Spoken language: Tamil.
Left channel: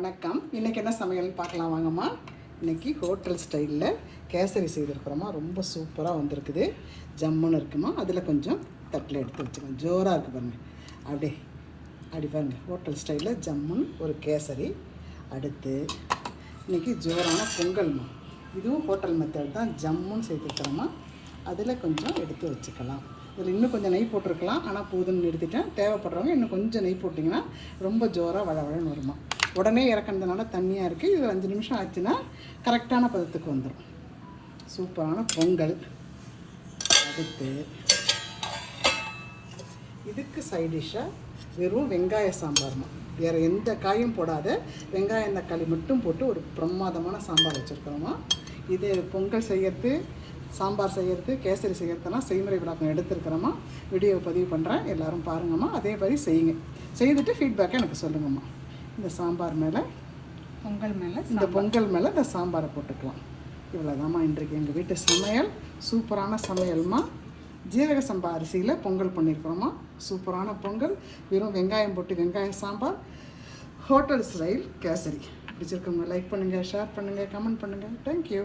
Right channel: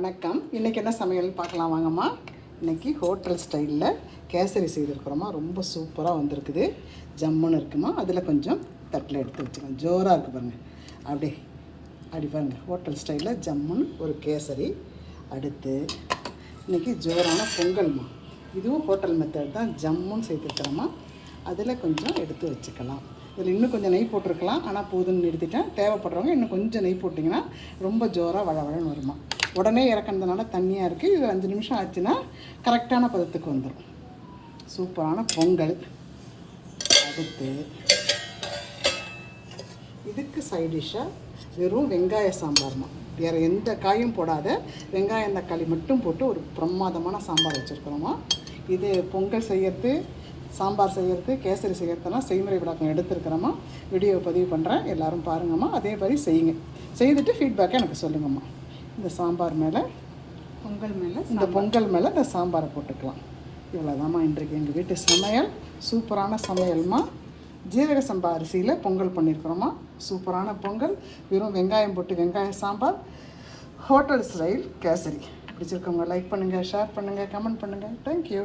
வணக்கம். இன்றைக்கி என்ன சமையல்னு பார்க்கலாம் வாங்கம்மா. இன்றைக்கி ஹோட்டல் ஸ்டைலில் கேசரி செய்திருக்கிறோமா. ரொம்ப சூப்பராக வந்திருக்குது. ஜம்முன்னு இருக்குமா. அதில் கொஞ்சம் தட்டில் எடுத்து வச்சுக்கோங்க. ஜோராக இருக்குது பாருங்கள். அப்படி பாருங்கள். ஹோட்டல் ஸ்டைலில் ஜம்முன்னு ஒரு கேசரி. அடுத்து இன்றைக்கி ஜோரான பொங்கல்மா. இதுவும் ஹோட்டல் மெத்தட் தான். ஜம்முன்னு சேர்த்துருக்கிறோமா. அதில் கொஞ்சம் எடுத்து வச்சுக்கலாம். இதில் இன்னும் கொஞ்சம் நெய் போட்டிருக்கலாம், ஆனால் போதும்னு நிறுத்திட்டேன். தேவைப்படுறவங்க இன்னும் கொஞ்சம் நெய் போட்டிங்கன்னா ரொம்ப ஜோராக வளவழன்னு வருமா. உடனே இறக்கிறதுனால தண்ணியாக இருக்குது. இது 5 நிமிஷம் ஆச்சுன்னா கரெக்டான பதத்துக்கு வந்துடும். சூப்பரான பொங்கல். அடுத்து இதுக்கு சைடிஷ்ஷாக வெறும் வெங்காய சாம்பார்மா. வேறு எந்த காயும் போடாத வெங்காயம் தக்காளி மட்டும் போட்டு ஒரு பிரமாதமான சாம்பார் வச்சுருக்குறோமா. இது பொங்கல் செய்யறது, சாம்பார் செய்கிறது, கேசரி செய்கிறதுலாம் செய்முறை விளக்கம் எடுத்துருக்கிறோமா. வீடியோவை பதிவு பண்ணுறேன், எல்லோரும் பாருங்கம்மா. அதே மாதிரி செய்யுங்க. செய்துட்டு ஃபீட்பேக்கை எனக்கு சொல்லுங்கம்மா. இந்த சாம்பார் மேலே பொங்கல் மேலே இந்த சாம்பாரை போட்டுக்கலாம். இவ்வளோதாம்மா இன்றைக்கு எங்கள் வீட்டு சமையல். சூப்பரான சமையல்மா. ஜீரக சம்பா அரிசியில் பொங்கல் பண்ணியிருக்கிறோமா. சூப்பரான பொங்கல். வெறும் வெங்காயம் போட்டு வெங்காய சாம்பார், ஹோட்டல் ஸ்டைல் கேசரி. பிடிச்சிருக்கவங்க லைக் பண்ணுங்கள், ஷேர் பண்ணுங்கள், கமெண்ட் பண்ணுங்கள். தேங்க்யூ.